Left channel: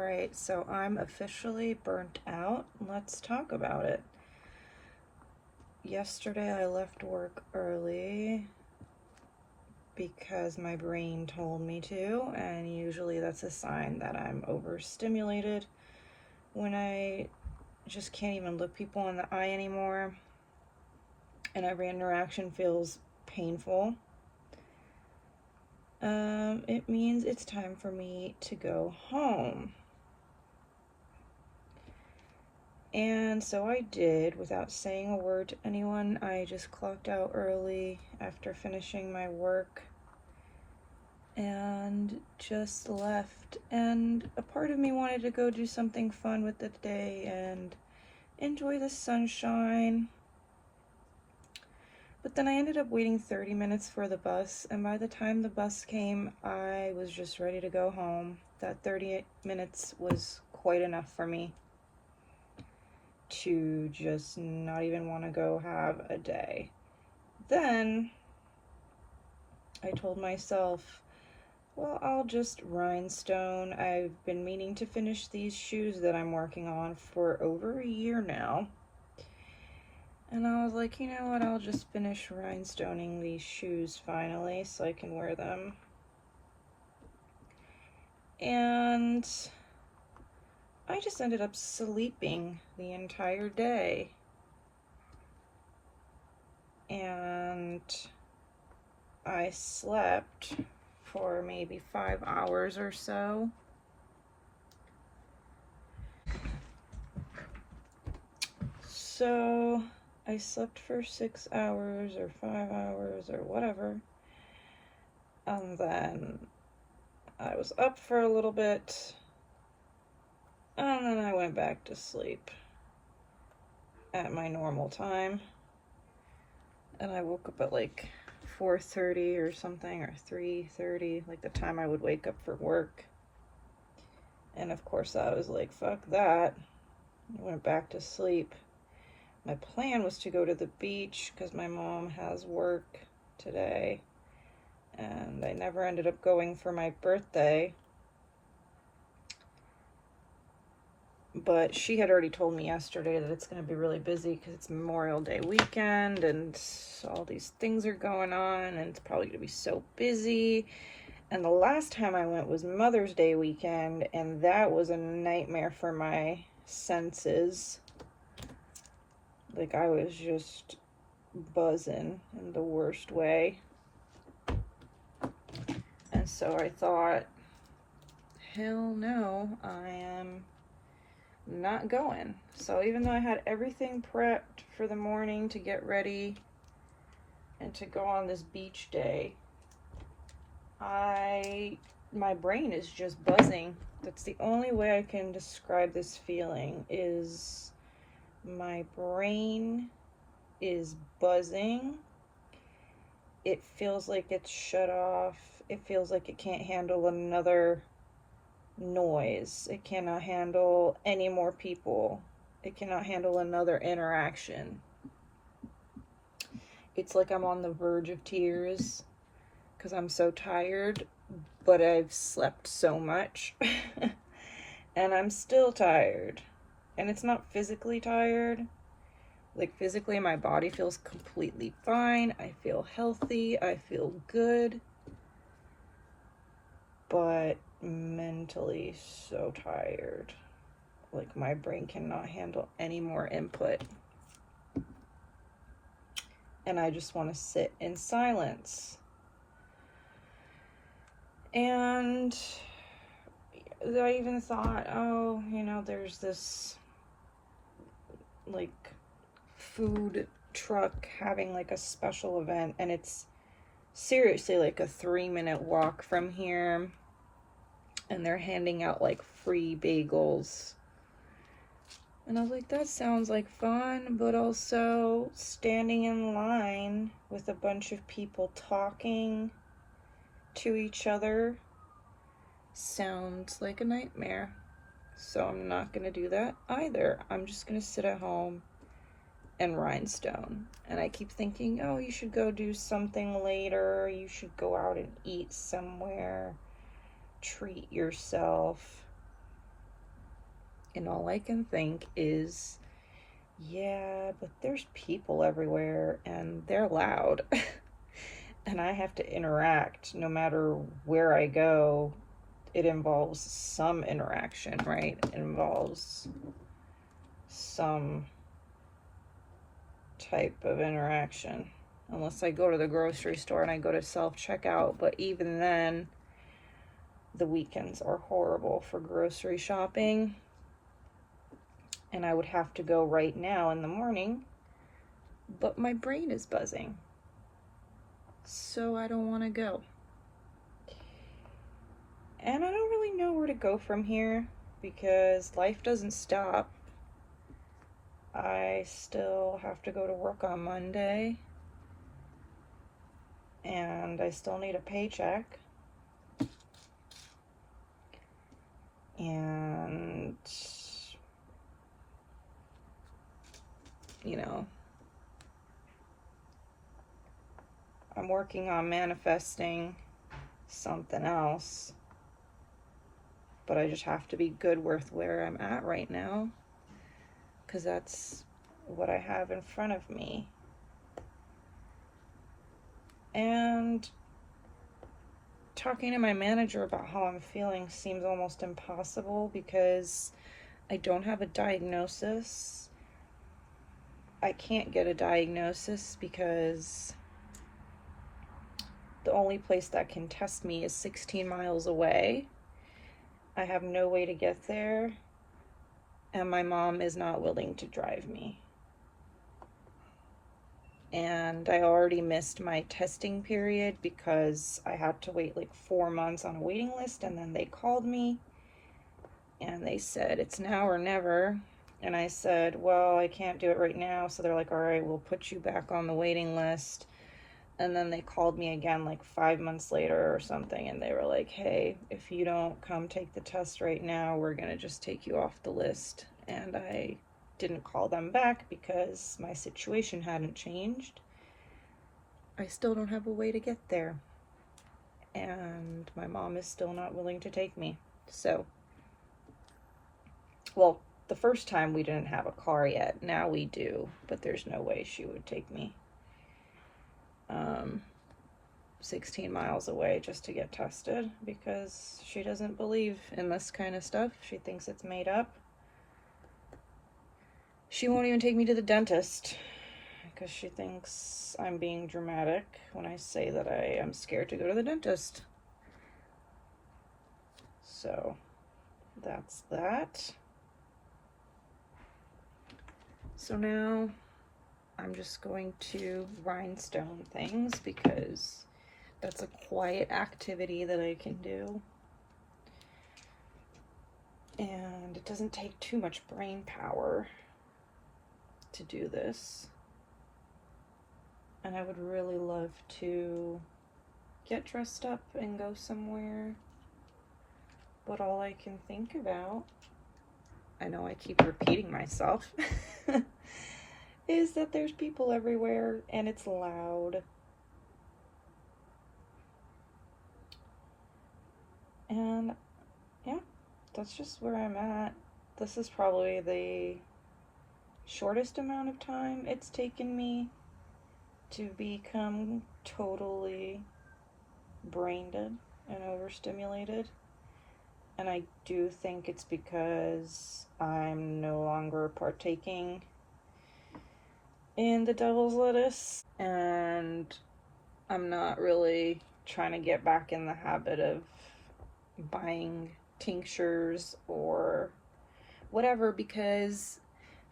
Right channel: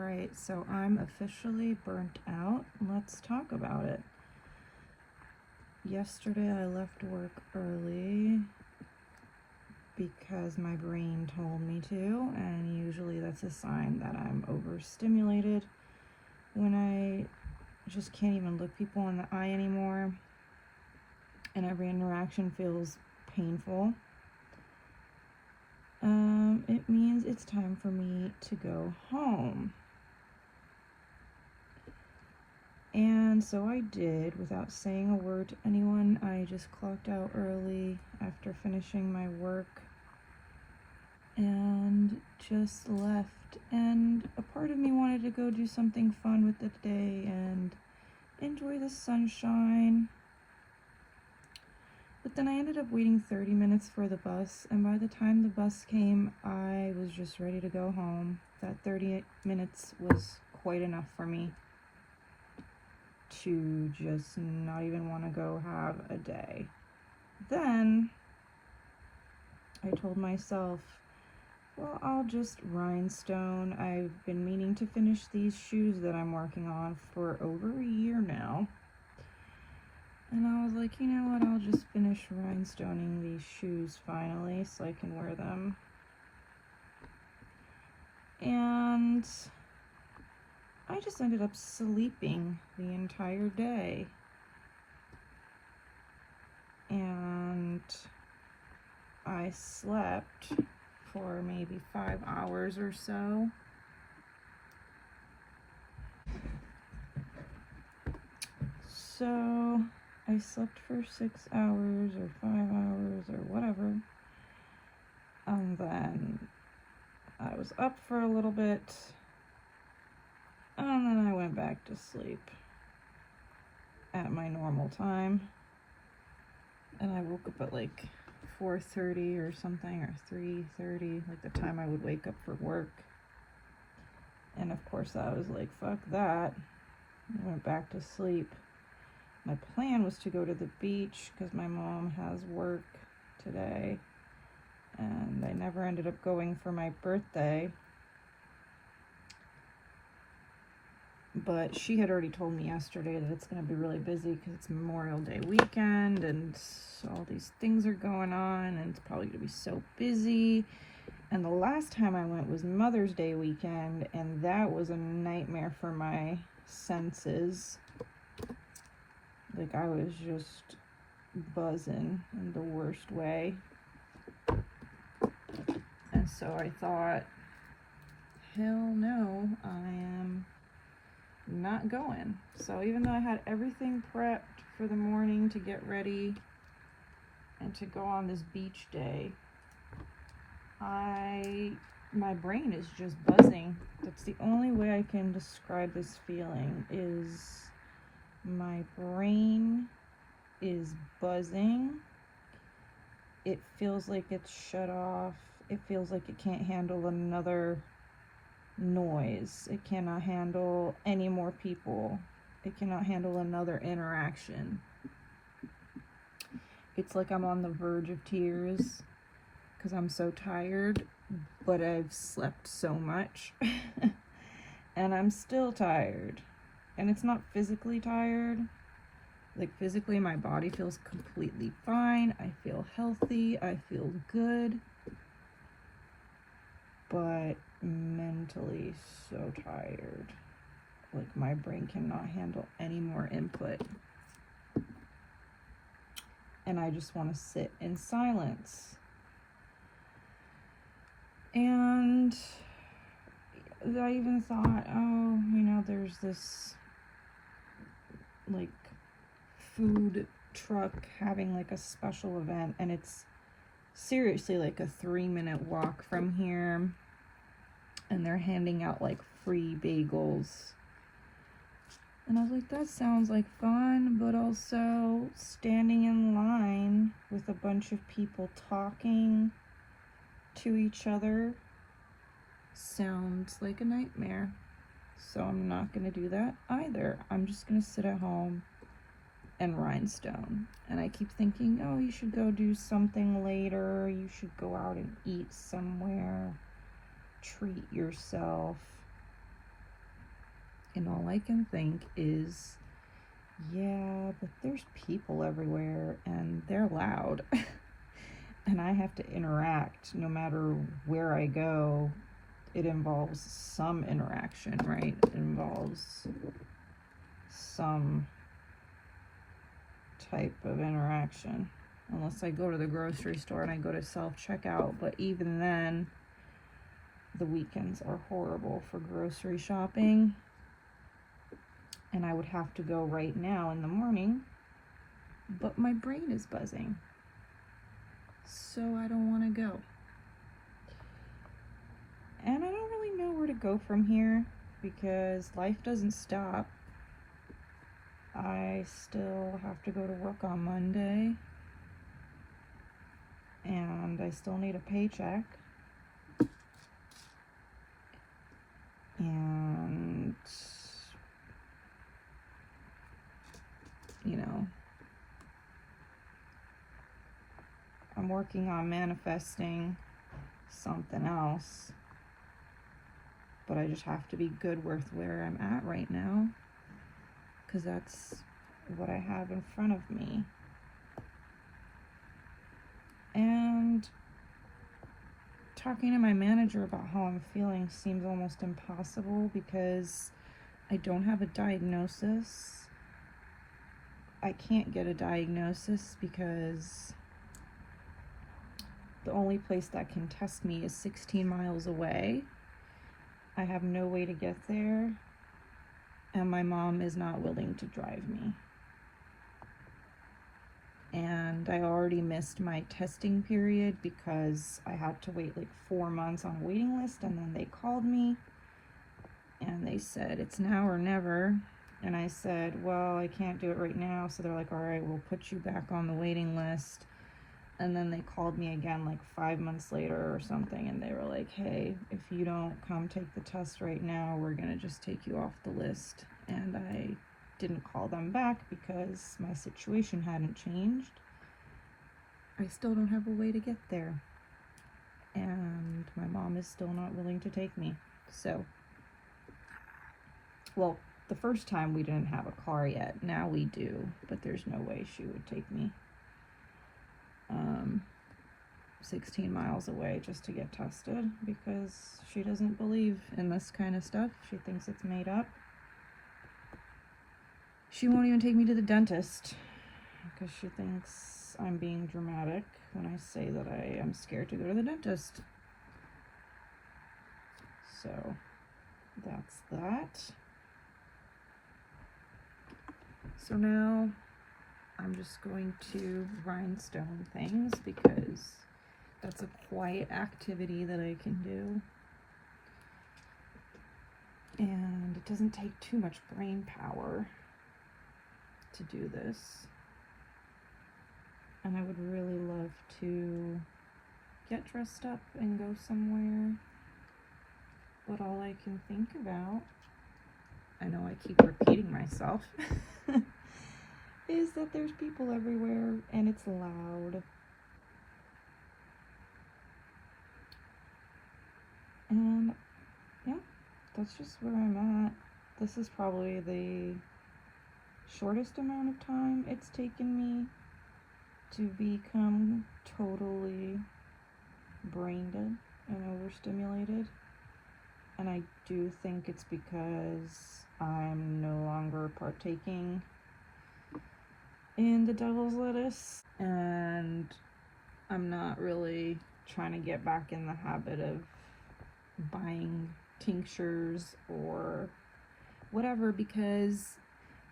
Alright, so I'm officially burnt out. Let's talk about it. Yesterday I left work early because my brain told me to, and usually that's a sign that I'm overstimulated when I just can't even look people in the eye anymore and every interaction feels painful. It means it's time for me to go home. And so I did, without saying a word to anyone. I just clocked out early after finishing my work and just left. And a part of me wanted to go do something fun with the day and enjoy the sunshine. But then I ended up waiting 30 minutes for the bus, and by the time the bus came, I was just ready to go home. That 30 minutes was quite enough for me to just not even want to go have a day. Then I told myself, well, I'll just rhinestone. I've been meaning to finish these shoes that I'm working on for over a year now. And I was like, you know what, I'll just finish rhinestoning these shoes finally so I can wear them. And I just ended up sleeping the entire day. And I slept for maybe 5 hours or so. So I slept for 6 hours or 5 hours or whatever. And then I was up for a little bit. And then I went back to sleep at my normal time. And I woke up at like 4:30 or something, or 3:30, like the time I would wake up for work. And of course I was like, fuck that. I went back to sleep. My plan was to go to the beach because my mom has work today. And I never ended up going for my birthday. But she had already told me yesterday that it's going to be really busy because it's Memorial Day weekend and all these things are going on and it's probably going to be so busy. And the last time I went was Mother's Day weekend, and that was a nightmare for my senses. Like, I was just buzzing in the worst way. And so I thought, hell no, I am not going. So even though I had everything prepped for the morning to get ready and to go on this beach day, my brain is just buzzing. That's the only way I can describe this feeling, is my brain is buzzing. It feels like it's shut off. It feels like it can't handle another noise. It cannot handle any more people. It cannot handle another interaction. It's like I'm on the verge of tears because I'm so tired, but I've slept so much and I'm still tired. And it's not physically tired. Like, physically my body feels completely fine. I feel healthy. I feel good. But mentally so tired. Like, my brain cannot handle any more input. And I just want to sit in silence. And I even thought, oh, you know, there's this like food truck having like a special event, and it's seriously like a 3-minute walk from here, and they're handing out like free bagels. And I was like, that sounds like fun, but also standing in line with a bunch of people talking to each other sounds like a nightmare. So I'm not going to do that either. I'm just going to sit at home and rhinestone. And I keep thinking, oh, you should go do something later. You should go out and eat somewhere. Treat yourself. And all I can think is, yeah, but there's people everywhere and they're loud. And I have to interact no matter where I go. It involves some interaction, right? It involves some type of interaction. Unless I go to the grocery store and I go to self-checkout, but even then, the weekends are horrible for grocery shopping. And I would have to go right now in the morning, but my brain is buzzing. So I don't want to go. And I don't really know where to go from here because life doesn't stop. I still have to go to work on Monday, and I still need a paycheck. And, you know, I'm working on manifesting something else, but I just have to be good with where I'm at right now, because that's what I have in front of me. And talking to my manager about how I'm feeling seems almost impossible because I don't have a diagnosis. I can't get a diagnosis because the only place that can test me is 16 miles away. I have no way to get there, and my mom is not willing to drive me. And I already missed my testing period because I had to wait like 4 months on a waiting list, and then they called me and they said it's now or never. And I said, well, I can't do it right now. So they're like, all right, we'll put you back on the waiting list. And then they called me again like 5 months later or something, and they were like, hey, if you don't come take the test right now, we're gonna just take you off the list. And I didn't call them back because my situation hadn't changed. I still don't have a way to get there, and my mom is still not willing to take me. So, well, the first time we didn't have a car yet. Now we do, but there's no way she would take me 16 miles away just to get tested because she doesn't believe in this kind of stuff. She thinks it's made up. She won't even take me to the dentist because she thinks I'm being dramatic when I say that I am scared to go to the dentist. So that's that. So now I'm just going to rhinestone things because that's a quiet activity that I can do. And it doesn't take too much brain power to do this. And I would really love to get dressed up and go somewhere. But all I can think about, I know I keep repeating myself, is that there's people everywhere and it's loud. And yeah, that's just where I'm at. This is probably the shortest amount of time it's taken me to become totally brain dead and overstimulated. And I do think it's because I'm no longer partaking in the devil's lettuce, and I'm not really trying to get back in the habit of buying tinctures or whatever because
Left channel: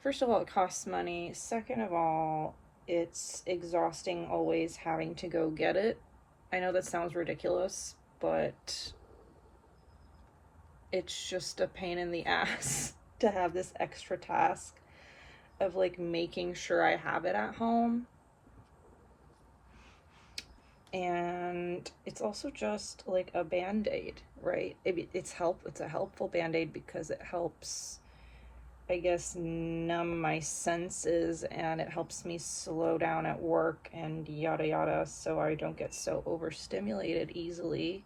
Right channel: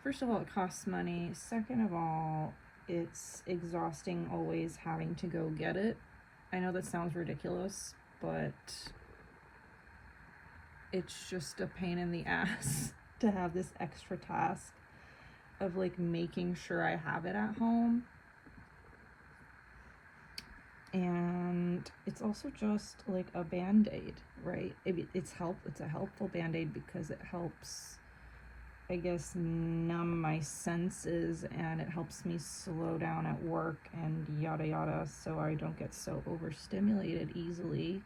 first of all, it costs money. Second of all, it's exhausting always having to go get it. I know that sounds ridiculous, but it's just a pain in the ass to have this extra task of like making sure I have it at home. And it's also just like a band-aid, right? It's a helpful band-aid because it helps, I guess, numb my senses, and it helps me slow down at work and yada yada so I don't get so overstimulated easily.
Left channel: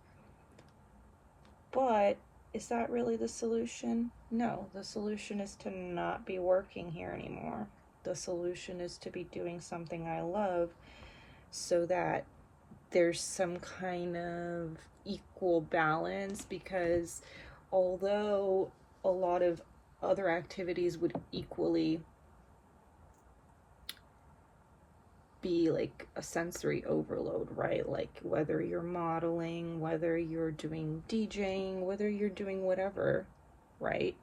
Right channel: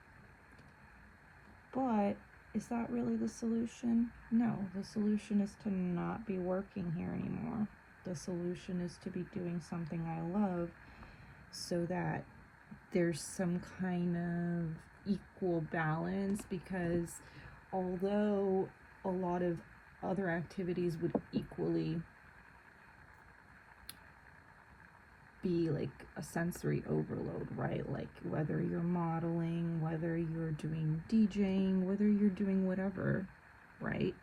But Is that really the solution? No, the solution is to not be working here anymore. The solution is to be doing something I love so that there's some kind of equal balance, because although a lot of other activities would equally be like a sensory overload, right? Like whether you're modeling, whether you're doing DJing, whether you're doing whatever, right?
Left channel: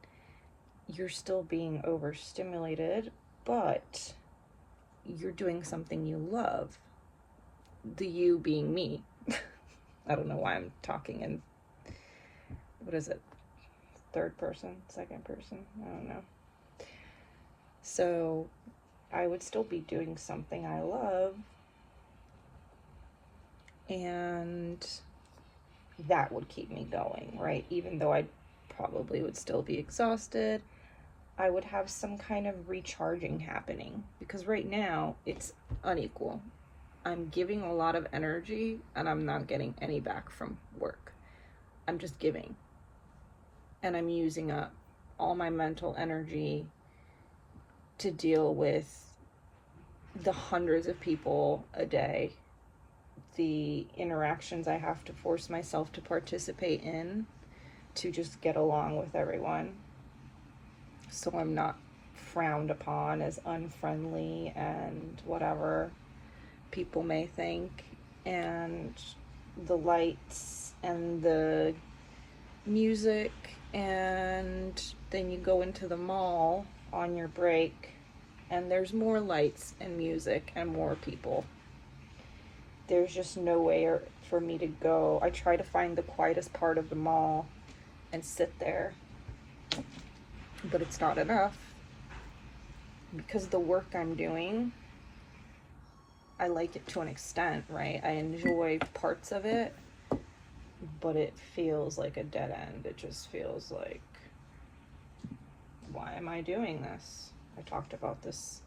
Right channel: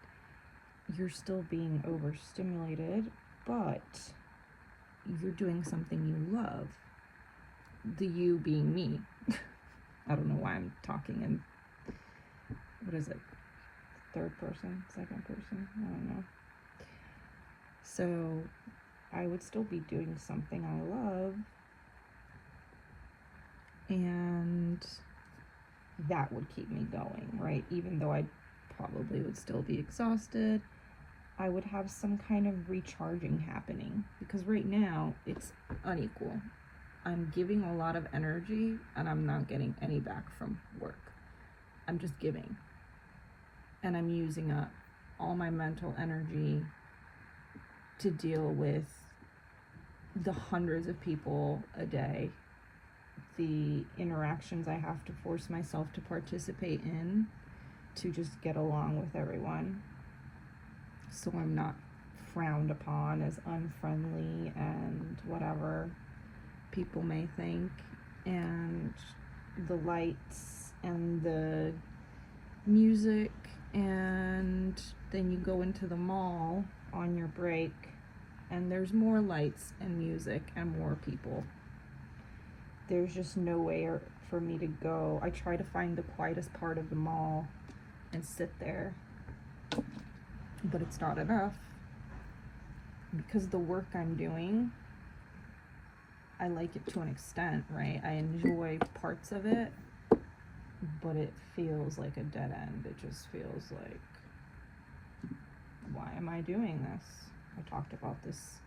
You're still being overstimulated, but you're doing something you love. The you being me. I don't know why I'm talking in, what is it? Third person, second person? I don't know. So I would still be doing something I love, and that would keep me going, right? Even though I probably would still be exhausted, I would have some kind of recharging happening, because right now it's unequal. I'm giving a lot of energy and I'm not getting any back from work. I'm just giving. And I'm using up all my mental energy to deal with the hundreds of people a day, the interactions I have to force myself to participate in to just get along with everyone, so I'm not frowned upon as unfriendly and whatever people may think. And the lights and the music, and then you go into the mall on your break and there's more lights and music and more people. There's just nowhere for me to go. I try to find the quietest part of the mall and sit there, but it's not enough, because the work I'm doing, I like it to an extent, right? I enjoy parts of it, but it feels like a dead end. It just feels like, why am I doing this? I talked about this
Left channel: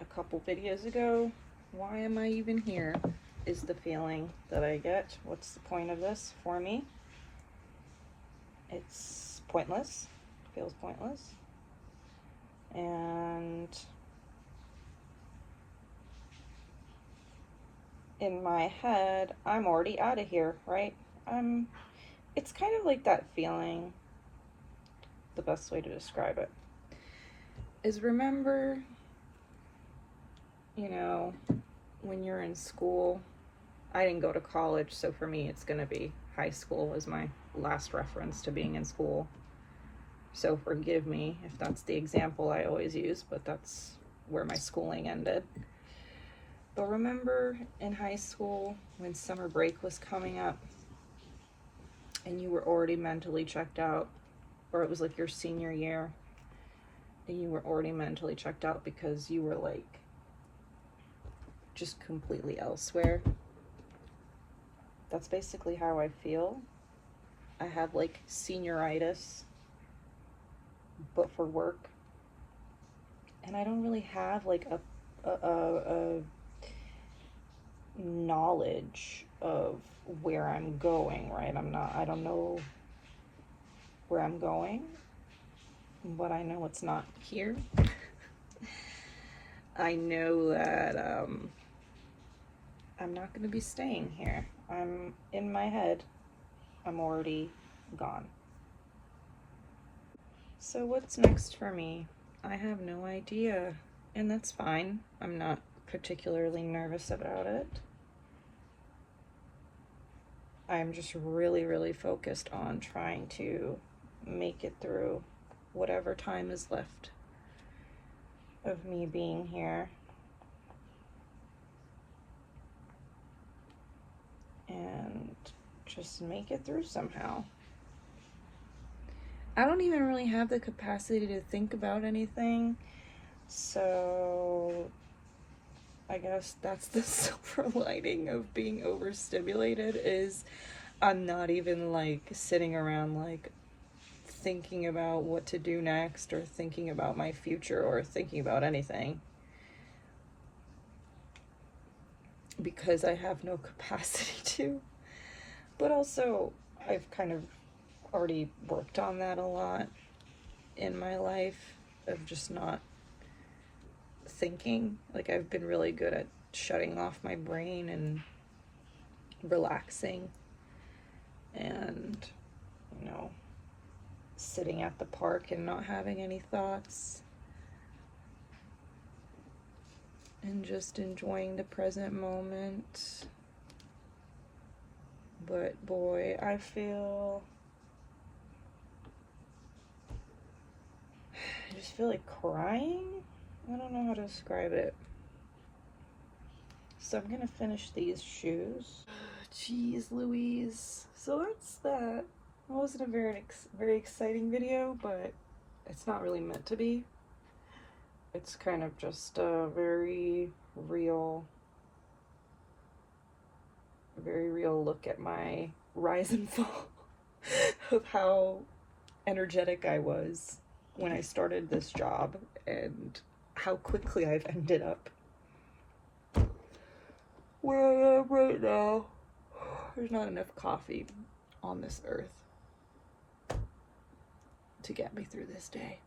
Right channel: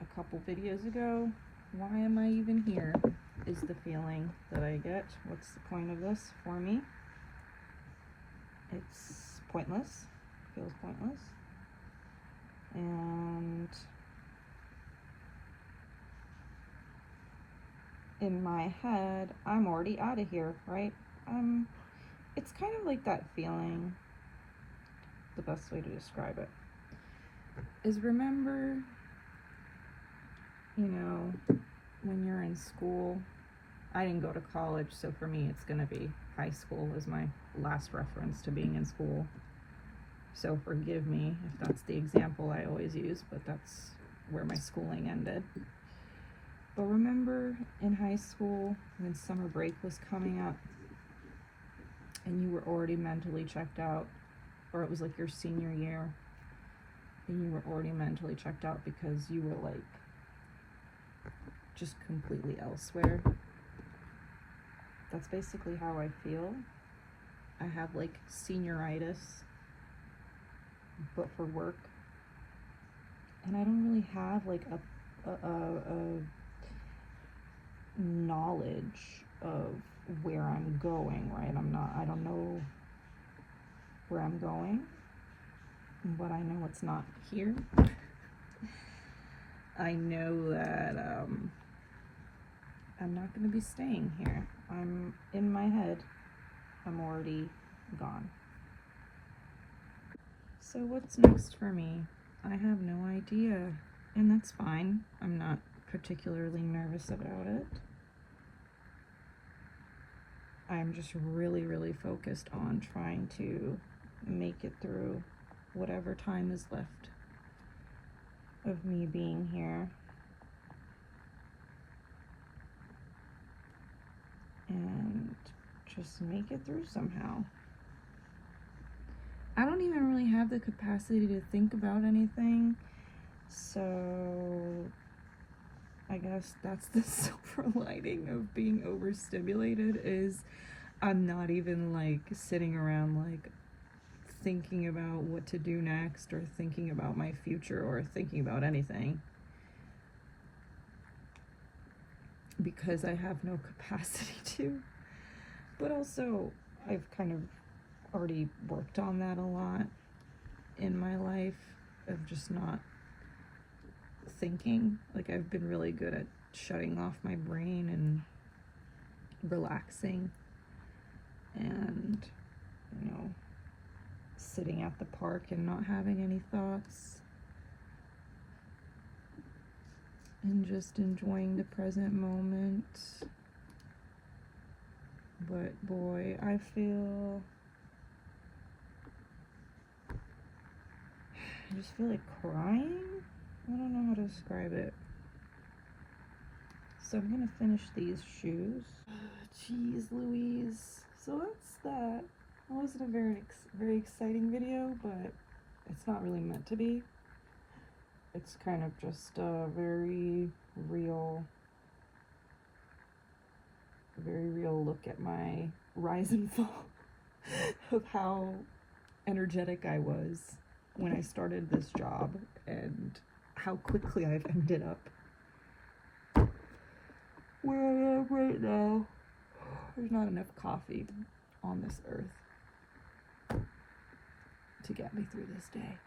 a couple videos ago. Why am I even here is the feeling that I get. What's the point of this for me? It's pointless. It feels pointless. And in my head, I'm already out of here, right? It's kind of like that feeling, the best way to describe it is, remember, when you're in school, I didn't go to college, so for me it's going to be high school as my last reference to being in school. So forgive me if that's the example I always use, but that's where my schooling ended. But remember in high school when summer break was coming up and you were already mentally checked out, or it was like your senior year and you were already mentally checked out because you were like just completely elsewhere? That's basically how I feel. I have like senioritis, but for work. And I don't really have like a knowledge of where I'm going, right? I don't know where I'm going, but I know it's not here. I know that I'm not going to be staying here. I'm in my head. I'm already gone. So what's next for me? I have no idea, and that's fine. I'm not particularly nervous about it. I'm just really, really focused on trying to make it through whatever time is left of me being here. And just make it through somehow. I don't even really have the capacity to think about anything, so I guess that's the silver lining of being overstimulated, is I'm not even like sitting around like thinking about what to do next, or thinking about my future, or thinking about anything, because I have no capacity to. But also, I've kind of already worked on that a lot in my life, of just not thinking. Like, I've been really good at shutting off my brain and relaxing and, you know, sitting at the park and not having any thoughts and just enjoying the present moment. But boy, I just feel like crying. I don't know how to describe it. So I'm gonna finish these shoes. Jeez Louise. So that's that. It wasn't a very exciting video, but it's not really meant to be. It's kind of just a very real look at my rise and fall of how energetic I was when I started this job and how quickly I've ended up where I am right now. There's not enough coffee on this earth to get me through this day.